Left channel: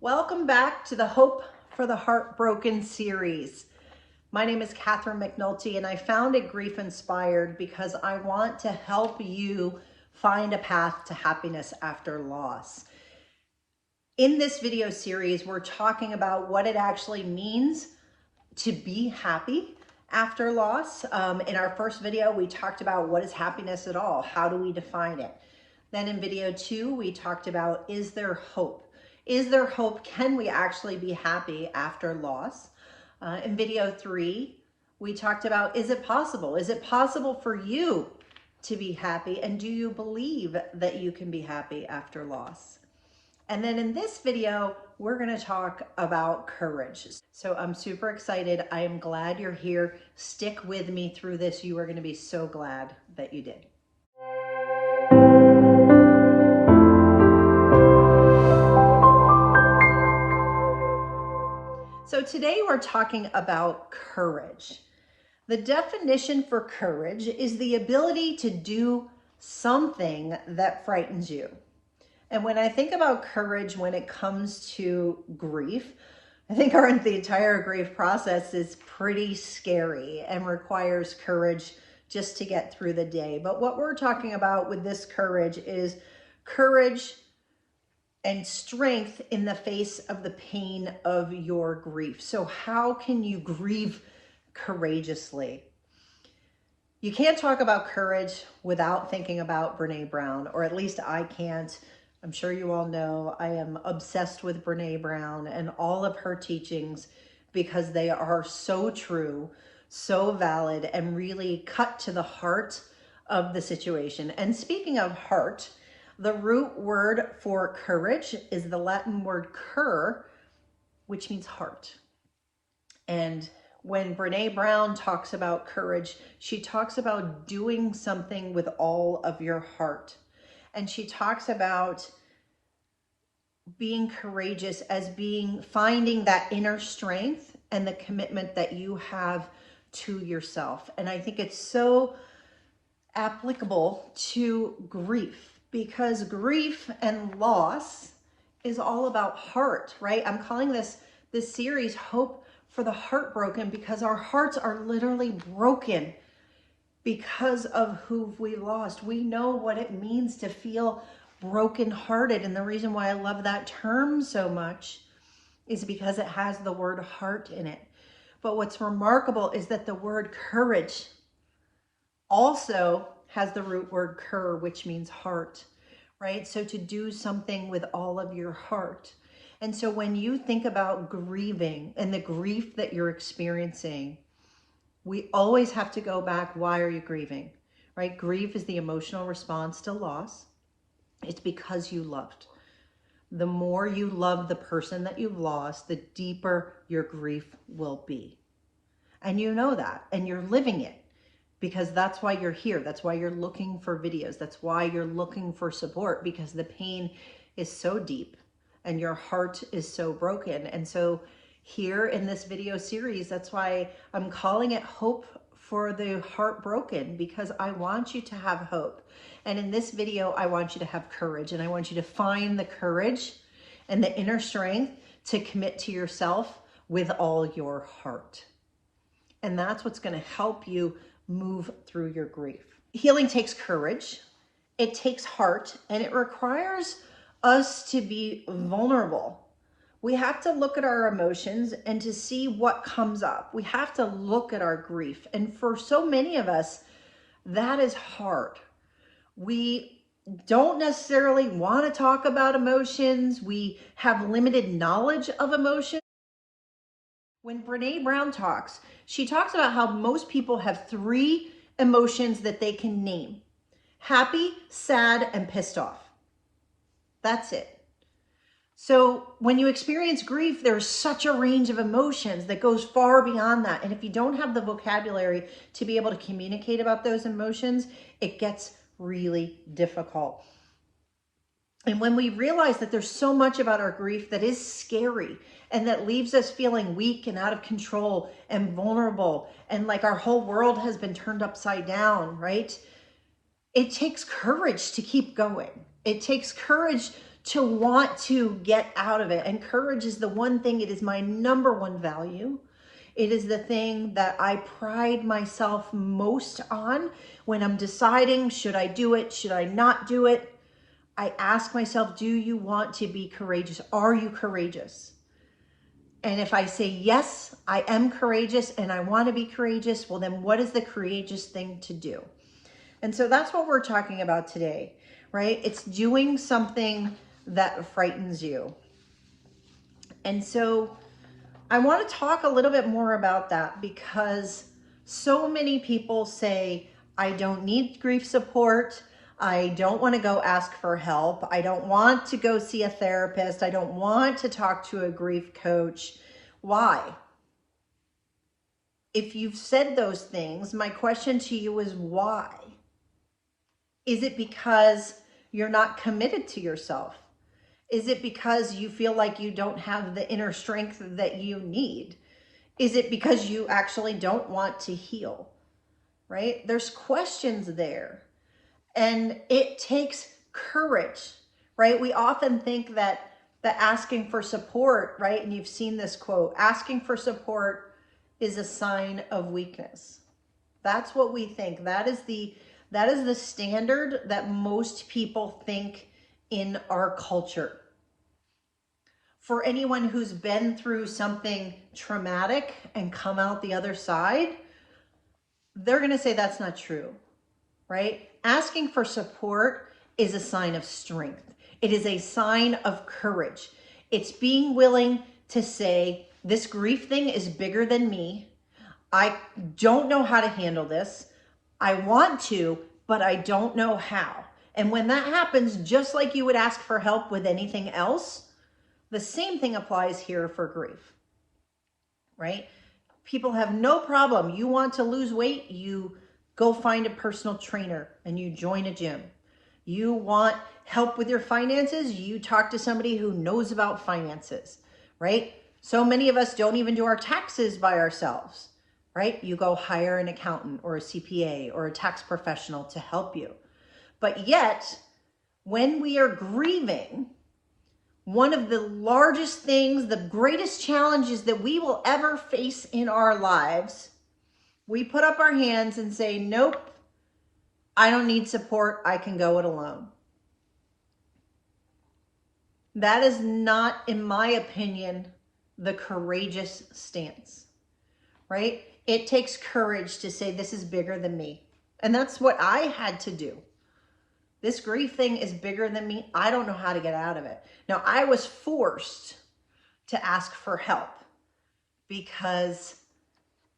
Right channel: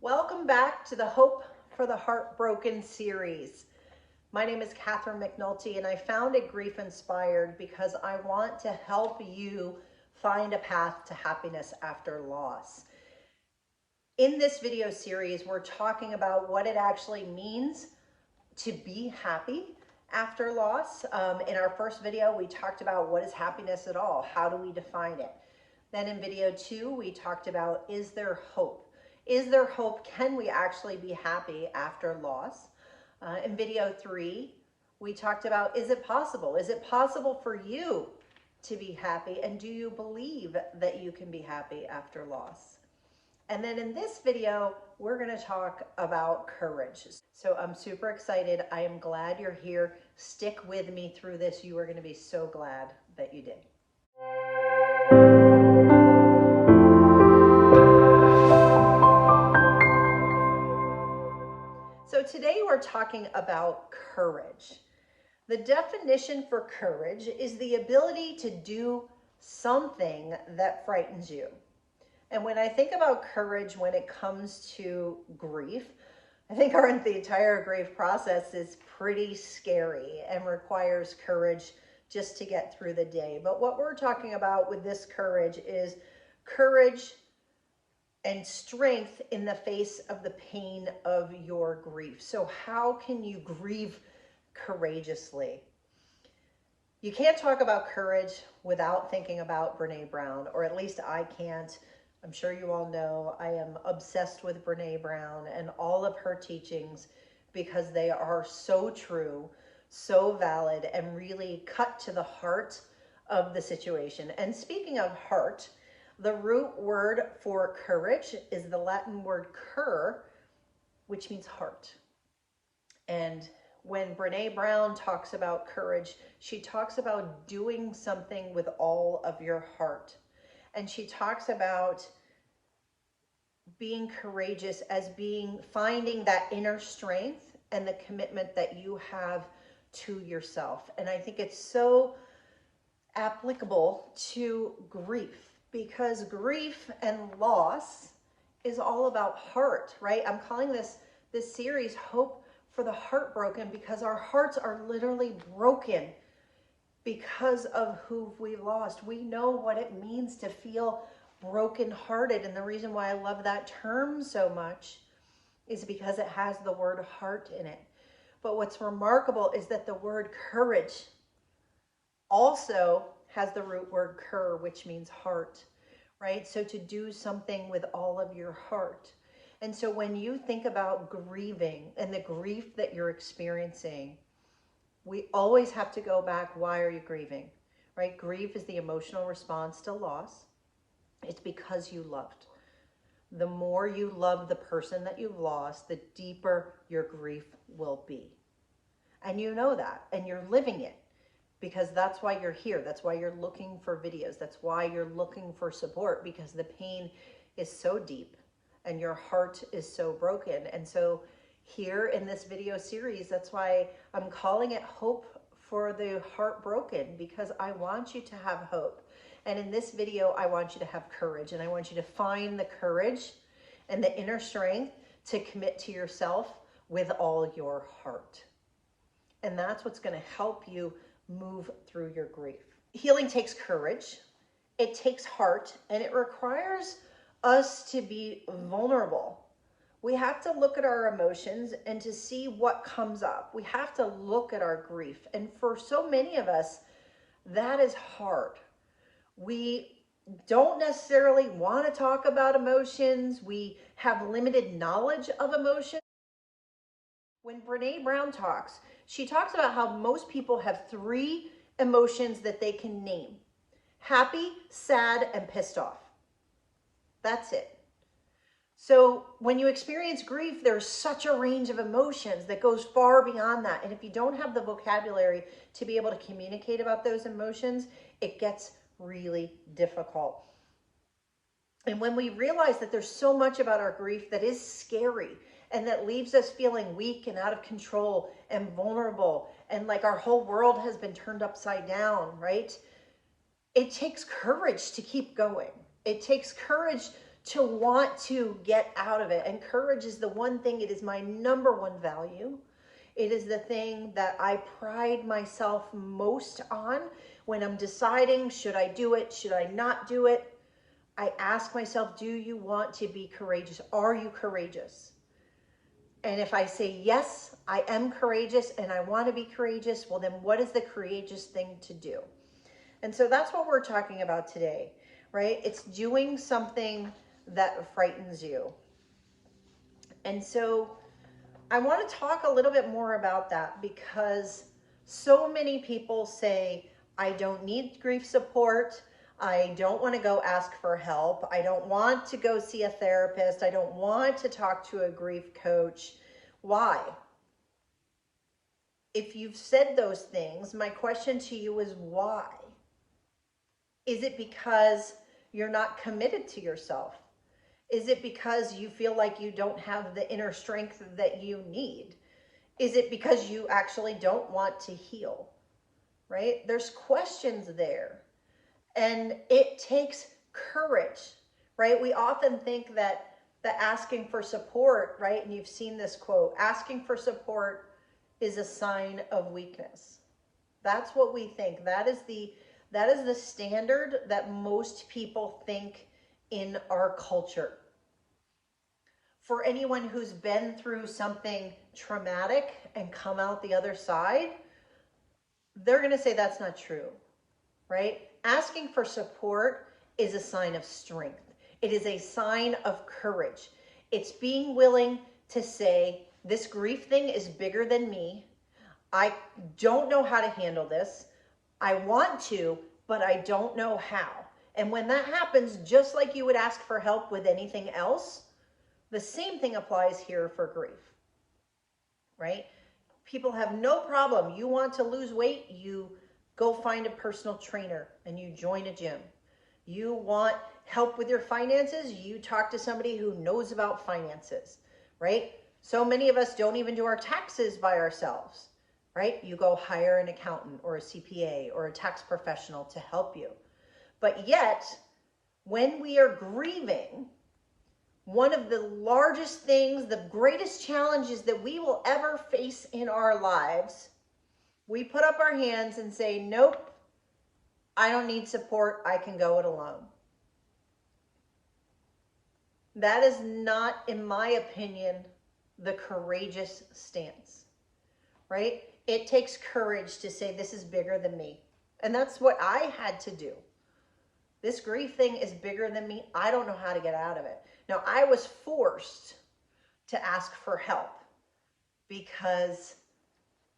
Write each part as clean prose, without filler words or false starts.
Welcome back to the Hope for the Heartbroken series. My name is Catherine McNulty, and I founded GriefInspired because I want to help you find a path to happiness after loss. In this video series, we're talking about what it actually means to be happy after loss. In our first video, we talked about what is happiness at all? How do we define it? Then in video 2, we talked about, is there hope? Is there hope? Can we actually be happy after loss? In video 3, we talked about, is it possible? Is it possible for you to be happy? And do you believe that you can be happy after loss? And then in this video, we're going to talk about courage. So I'm super excited. I am glad you're here. Stick with me through this. You are going to be so glad that you did. So today we're talking about courage. The definition for courage is the ability to do something that frightens you. And when I think about courage when it comes to grief, I think the entire grief process is pretty scary and requires courage just to get through the day. But what we're talking about with this courage is courage and strength in the face of the pain of your grief. So how can you grieve courageously? You can't talk about courage without thinking about Brené Brown, or at least I can't. I'm sure you all know I am obsessed with Brené Brown and all of her teachings because they are so true, so valid, and really cut to the heart of the situation. And speaking of heart, the root word for courage is the Latin word cur, which means heart. And when Brené Brown talks about courage, she talks about doing something with all of your heart. And she talks about being courageous as finding that inner strength and the commitment that you have to yourself. And I think it's so applicable to grief, because grief and loss is all about heart, right? I'm calling this series Hope for the Heartbroken because our hearts are literally broken because of who we lost. We know what it means to feel brokenhearted, and the reason why I love that term so much is because it has the word heart in it. But what's remarkable is that the word courage also has the root word cur, which means heart, right? So to do something with all of your heart. And so when you think about grieving and the grief that you're experiencing, we always have to go back. Why are you grieving, right? Grief is the emotional response to loss. It's because you loved. The more you love the person that you've lost, the deeper your grief will be. And you know that, and you're living it. Because that's why you're here. That's why you're looking for videos. That's why you're looking for support, because the pain is so deep and your heart is so broken. And so here in this video series, that's why I'm calling it Hope for the Heartbroken, because I want you to have hope. And in this video, I want you to have courage, and I want you to find the courage and the inner strength to commit to yourself with all your heart. And that's what's going to help you move through your grief. Healing takes courage, it takes heart, and it requires us to be vulnerable. We have to look at our emotions and to see what comes up. We have to look at our grief. And for so many of us, that is hard. We don't necessarily want to talk about emotions. We have limited knowledge of emotions. When Brené Brown talks, she talks about how most people have 3 emotions that they can name: happy, sad, and pissed off. That's it. So when you experience grief, there's such a range of emotions that goes far beyond that. And if you don't have the vocabulary to be able to communicate about those emotions, it gets really difficult. And when we realize that there's so much about our grief that is scary and that leaves us feeling weak and out of control and vulnerable and like our whole world has been turned upside down, right? It takes courage to keep going. It takes courage to want to get out of it. And courage is the one thing, it is my number one value. It is the thing that I pride myself most on when I'm deciding, should I do it? Should I not do it? I ask myself, do you want to be courageous? Are you courageous? And if I say, yes, I am courageous and I want to be courageous, well, then what is the courageous thing to do? And so that's what we're talking about today, right? It's doing something that frightens you. And so I want to talk a little bit more about that, because so many people say, I don't need grief support. I don't want to go ask for help. I don't want to go see a therapist. I don't want to talk to a grief coach. Why? If you've said those things, my question to you is why? Is it because you're not committed to yourself? Is it because you feel like you don't have the inner strength that you need? Is it because you actually don't want to heal? Right? There's questions there. And it takes courage, right? We often think that asking for support, right? And you've seen this quote, asking for support is a sign of weakness. That's what we think. That is the standard that most people think in our culture. For anyone who's been through something traumatic and come out the other side, they're going to say that's not true, right? Asking for support is a sign of strength. It is a sign of courage. It's being willing to say, this grief thing is bigger than me. I don't know how to handle this. I want to, but I don't know how. And when that happens, just like you would ask for help with anything else, the same thing applies here for grief, right? People have no problem. You want to lose weight, you go find a personal trainer and you join a gym. You want help with your finances, you talk to somebody who knows about finances, right? So many of us don't even do our taxes by ourselves, right? You go hire an accountant or a CPA or a tax professional to help you. But yet, when we are grieving, one of the largest things, the greatest challenges that we will ever face in our lives, we put up our hands and say, nope, I don't need support. I can go it alone. That is not, in my opinion, the courageous stance, right? It takes courage to say, this is bigger than me. And that's what I had to do. This grief thing is bigger than me. I don't know how to get out of it. Now, I was forced to ask for help because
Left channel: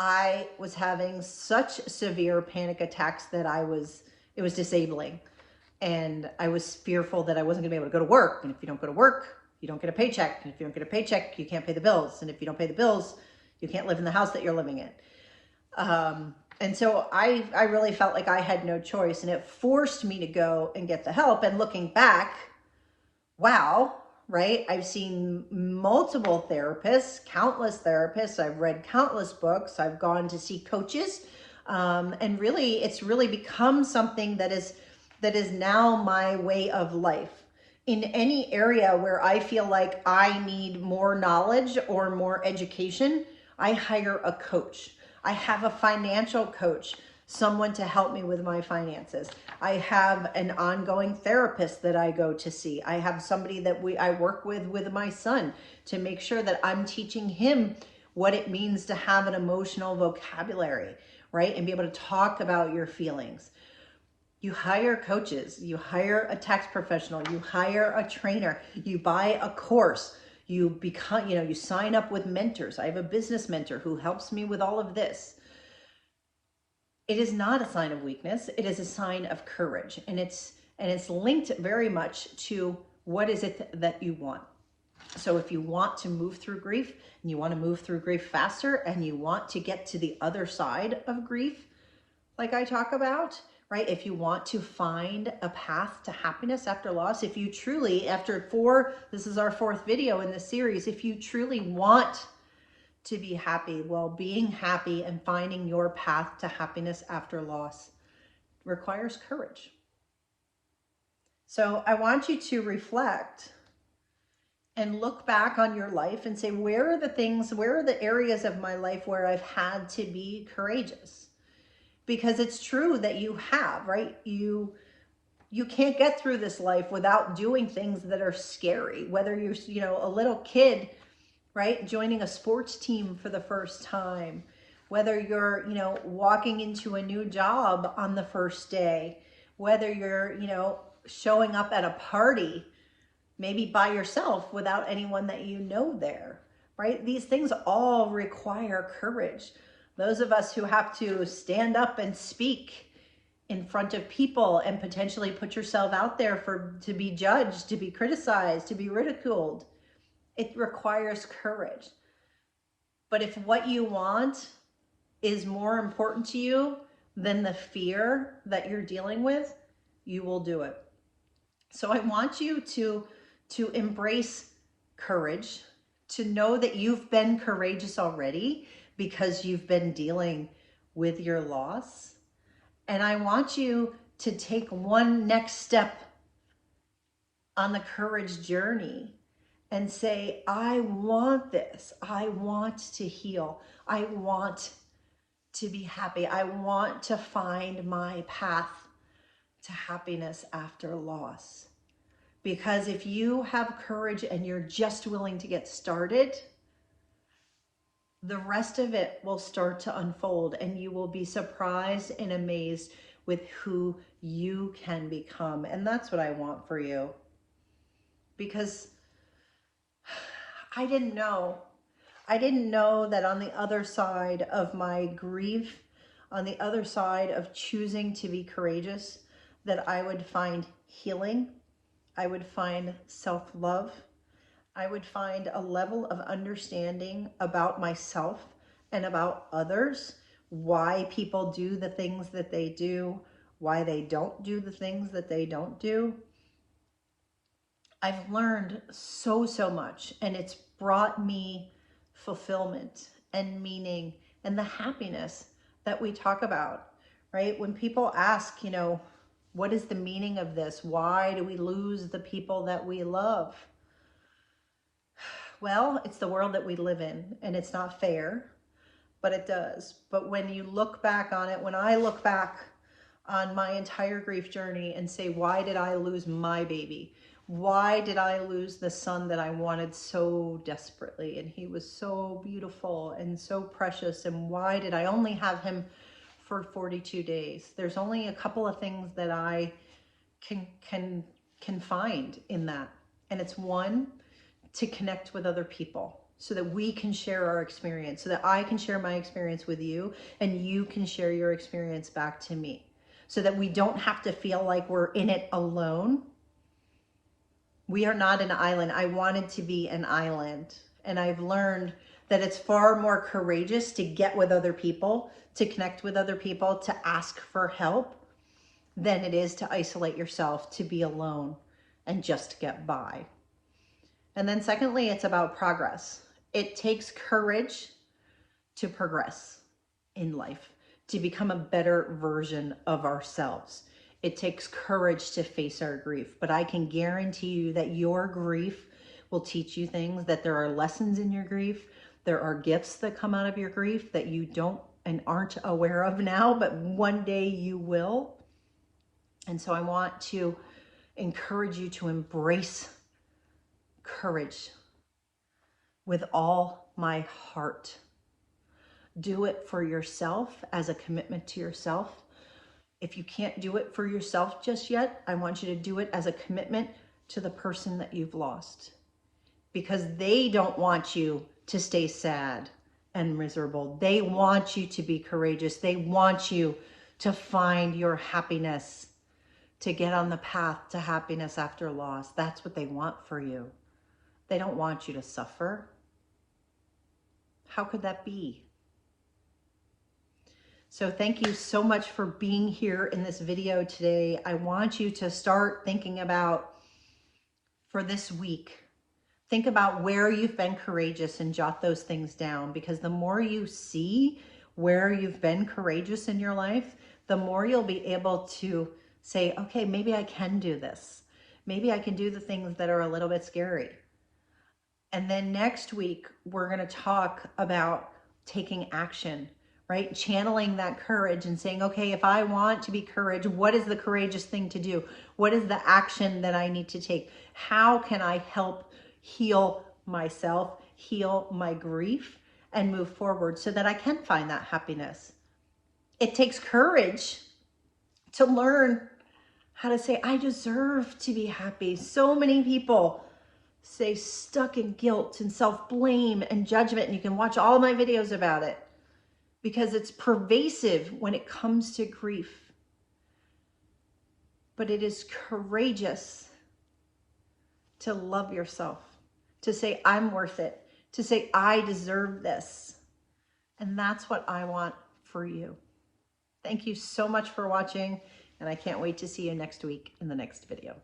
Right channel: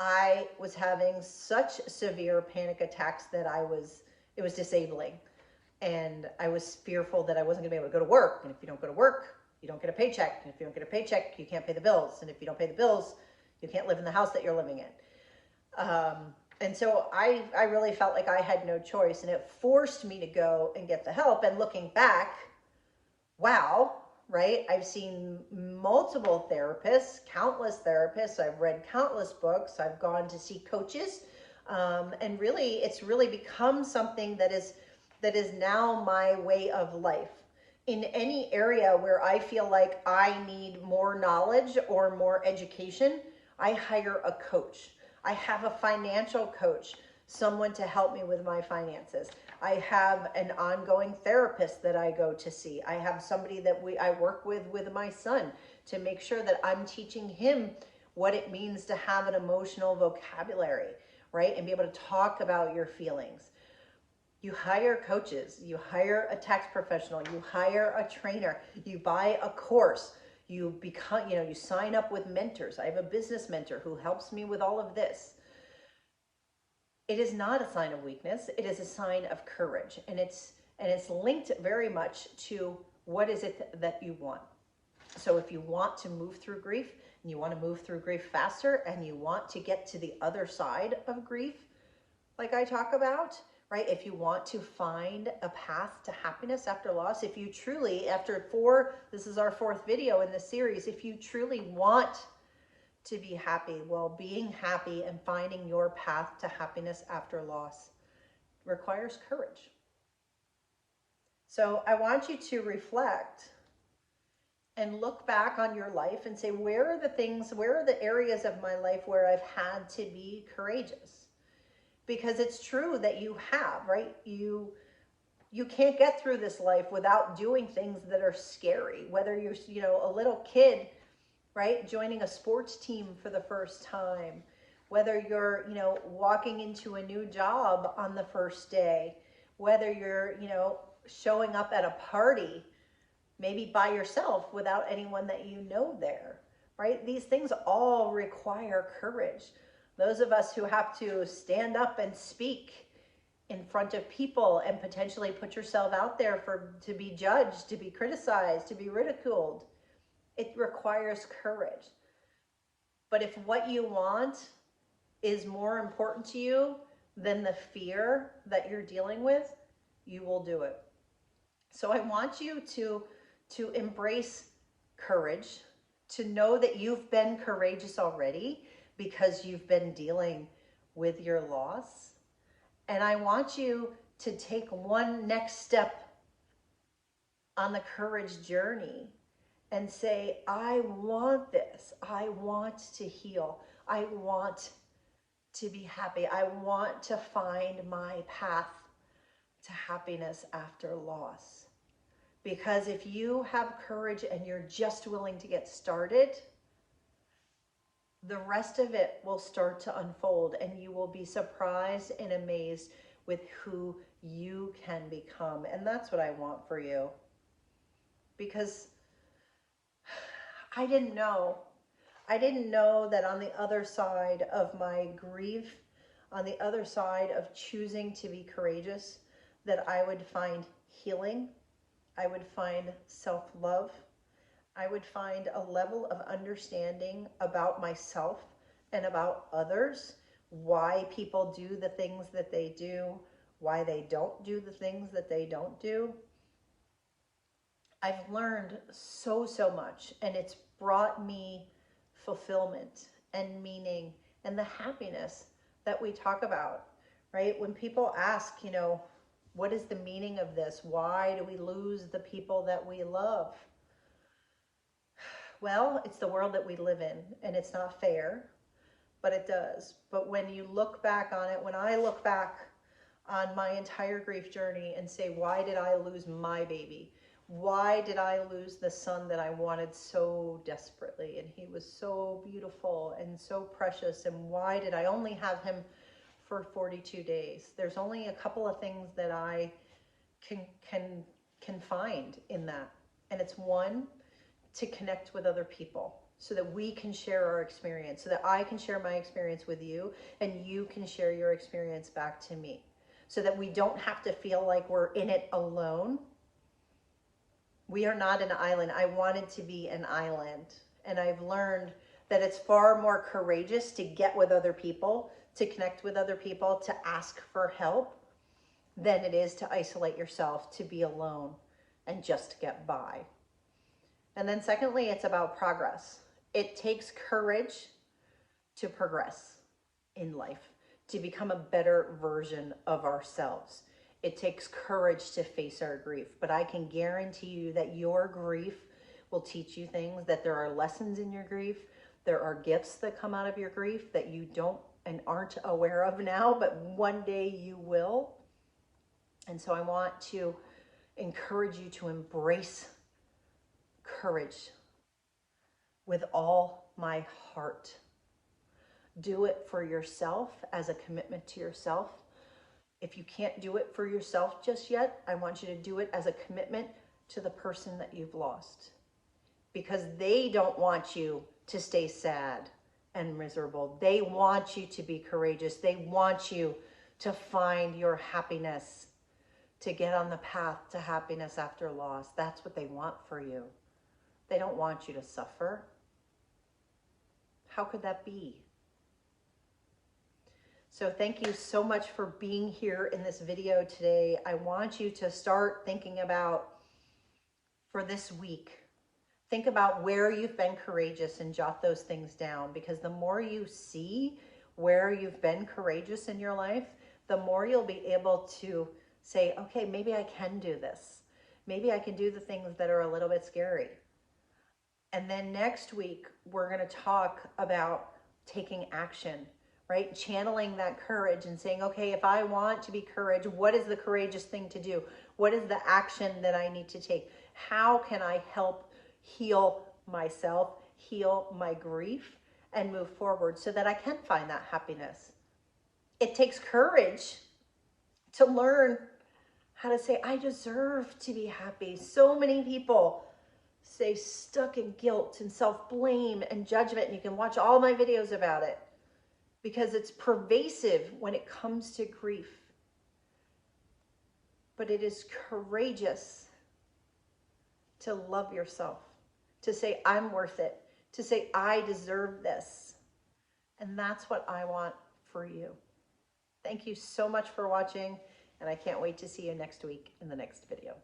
I was having such severe panic attacks that it was disabling. And I was fearful that I wasn't gonna be able to go to work. And if you don't go to work, you don't get a paycheck. And if you don't get a paycheck, you can't pay the bills. And if you don't pay the bills, you can't live in the house that you're living in. And so I really felt like I had no choice, and it forced me to go and get the help. And looking back, wow, right? I've seen multiple therapists, countless therapists. I've read countless books. I've gone to see coaches. And really, it's really become something that is now my way of life. In any area where I feel like I need more knowledge or more education, I hire a coach. I have a financial coach, someone to help me with my finances. I have an ongoing therapist that I go to see. I have somebody that I work with my son to make sure that I'm teaching him what it means to have an emotional vocabulary, right? And be able to talk about your feelings. You hire coaches, you hire a tax professional, you hire a trainer, you buy a course. You become, you sign up with mentors. I have a business mentor who helps me with all of this. It is not a sign of weakness. It is a sign of courage. And it's linked very much to what is it that you want. So if you want to move through grief and you want to move through grief faster and you want to get to the other side of grief, like I talk about, right? If you want to find a path to happiness after loss, if you truly, this is our 4th video in this series, if you truly want to be happy, well, being happy and finding your path to happiness after loss requires courage. So I want you to reflect and look back on your life and say, where are the things, where are the areas of my life where I've had to be courageous? Because it's true that you have, right? You can't get through this life without doing things that are scary. Whether you're, a little kid, right, joining a sports team for the first time, whether you're, walking into a new job on the first day, whether you're, showing up at a party, maybe by yourself without anyone that you know there, right? These things all require courage. Those of us who have to stand up and speak in front of people and potentially put yourself out there to be judged, to be criticized, to be ridiculed, it requires courage. But if what you want is more important to you than the fear that you're dealing with, you will do it. So I want you to embrace courage, to know that you've been courageous already because you've been dealing with your loss. And I want you to take one next step on the courage journey and say, I want this. I want to heal. I want to be happy. I want to find my path to happiness after loss. Because if you have courage and you're just willing to get started, the rest of it will start to unfold and you will be surprised and amazed with who you can become. And that's what I want for you. Because I didn't know. I didn't know that on the other side of my grief, on the other side of choosing to be courageous, that I would find healing. I would find self-love. I would find a level of understanding about myself and about others, why people do the things that they do, why they don't do the things that they don't do. I've learned so much, and it's brought me fulfillment and meaning and the happiness that we talk about, right? When people ask, what is the meaning of this? Why do we lose the people that we love? Well, it's the world that we live in, and it's not fair, but it does. But when you look back on it, when I look back on my entire grief journey and say, why did I lose my baby? Why did I lose the son that I wanted so desperately? And he was so beautiful and so precious. And why did I only have him for 42 days? There's only a couple of things that I can find in that. And it's one, to connect with other people so that we can share our experience, so that I can share my experience with you and you can share your experience back to me, so that we don't have to feel like we're in it alone. We are not an island. I wanted to be an island, and I've learned that it's far more courageous to get with other people, to connect with other people, to ask for help, than it is to isolate yourself, to be alone and just get by. And then secondly, it's about progress. It takes courage to progress in life, to become a better version of ourselves. It takes courage to face our grief, but I can guarantee you that your grief will teach you things, that there are lessons in your grief. There are gifts that come out of your grief that you don't and aren't aware of now, but one day you will. And so I want to encourage you to embrace courage with all my heart. Do it for yourself as a commitment to yourself. If you can't do it for yourself just yet, I want you to do it as a commitment to the person that you've lost, because they don't want you to stay sad and miserable. They want you to be courageous. They want you to find your happiness, to get on the path to happiness after loss. That's what they want for you. They don't want you to suffer. How could that be? So thank you so much for being here in this video today. I want you to start thinking about, for this week, think about where you've been courageous and jot those things down, because the more you see where you've been courageous in your life, the more you'll be able to say, okay, maybe I can do this. Maybe I can do the things that are a little bit scary. And then next week, we're going to talk about taking action, right? Channeling that courage and saying, okay, if I want to be courage, what is the courageous thing to do? What is the action that I need to take? How can I help heal myself, heal my grief, and move forward so that I can find that happiness? It takes courage to learn how to say, I deserve to be happy. So many people stay stuck in guilt and self-blame and judgment, and you can watch all my videos about it because it's pervasive when it comes to grief. But it is courageous to love yourself, to say, I'm worth it, to say, I deserve this. And that's what I want for you. Thank you so much for watching, and I can't wait to see you next week in the next video.